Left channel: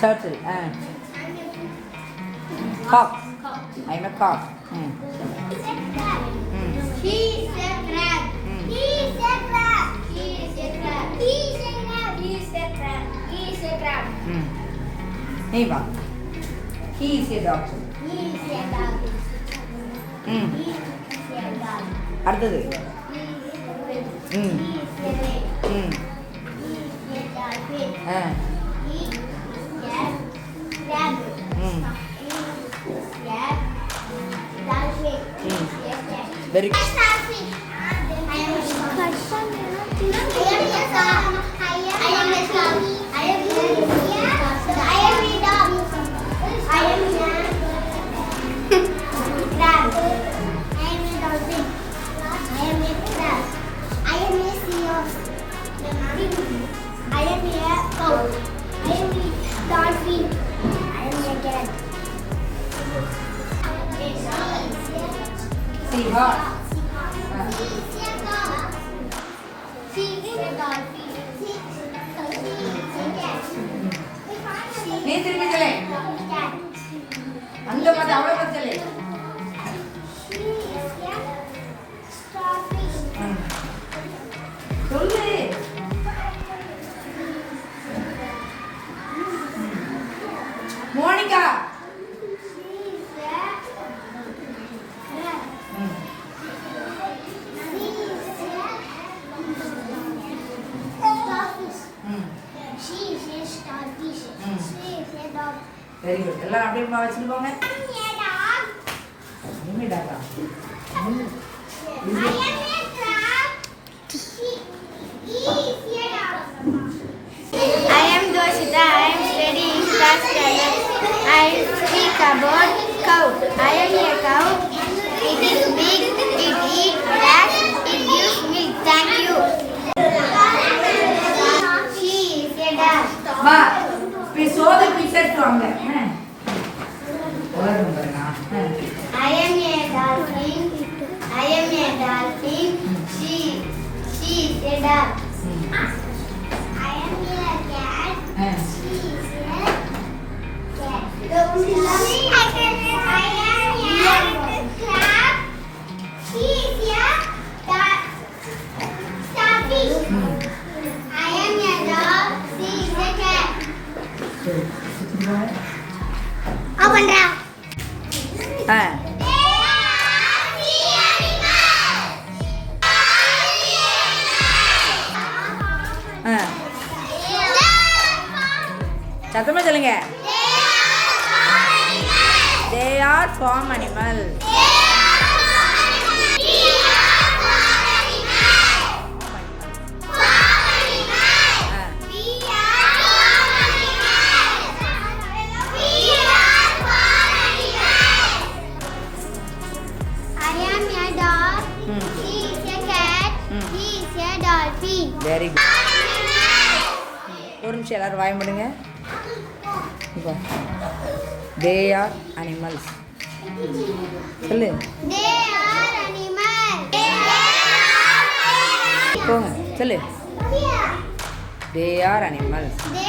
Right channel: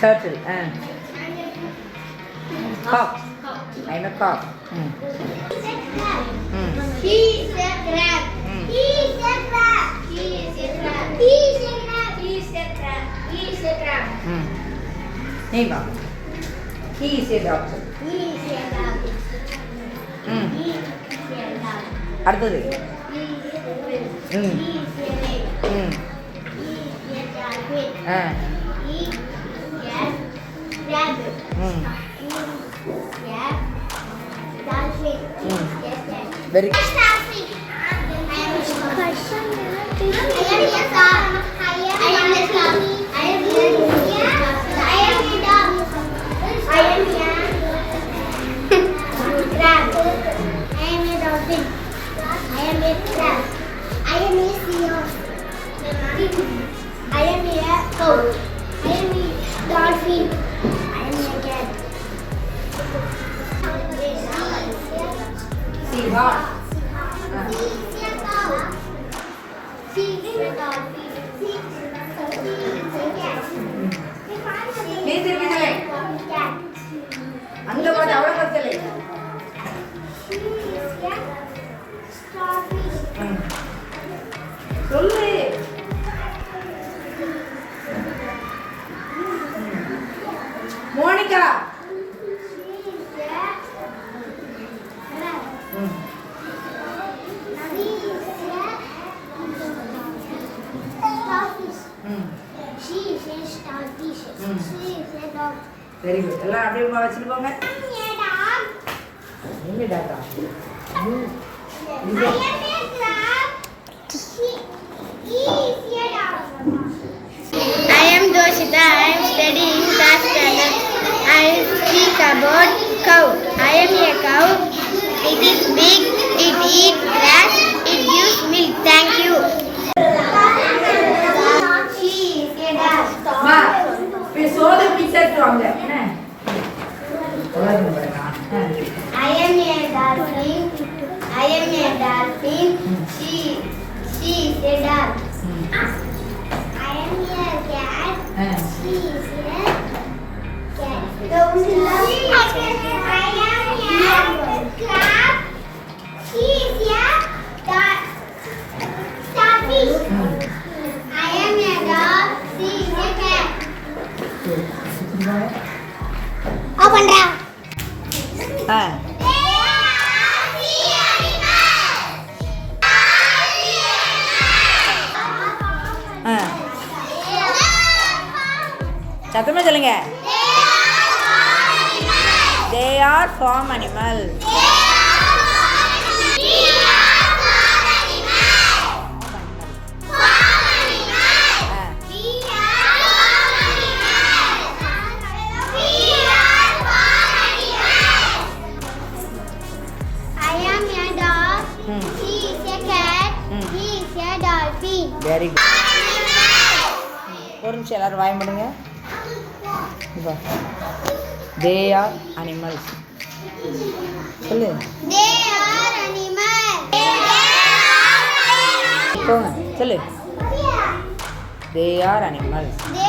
Turtle. Cock. I'm a cock. He is a crab. He is a crab. He is a crab. He is a crab. He is a crab. He is a crab. Hey, Bob. He is a dog. He is a dog. He is a dog. அடுத்தது He is a fish. He is a lake. He is a dolphin. He is a rabbit. He is a dolphin. He is a cat. Very good. நீ திருப்பிதலே அங்க பாத்து அவள பத்தலே சொல்லு Monica very good எல்லாம் அப்படியே உமா வச்சுட்டு போங்க நீங்க doctor I am Doshita. I am studying class standard. I speak about cow. I am a cow. It is big. It eats grass. It gives milk. Thank you. She is a dog. மா we saw the picture from there எல்லாரும் பாருங்க I am a dolphin. I am a dolphin. She is a dog. I am a cat. She is a cat. I am a crab. She is a starfish. I am a dog. She is a cat. Open down. சத்தமா சொல்லுங்க they are farm animal I am a dog. He is a cat. He is a dolphin. very good ஒரு நிமிஷம் எல்லாரும் வாய் பண்ணுங்க இப்போ they are animals சொல்லு They are animals. போங்க சொல்லு they are animals They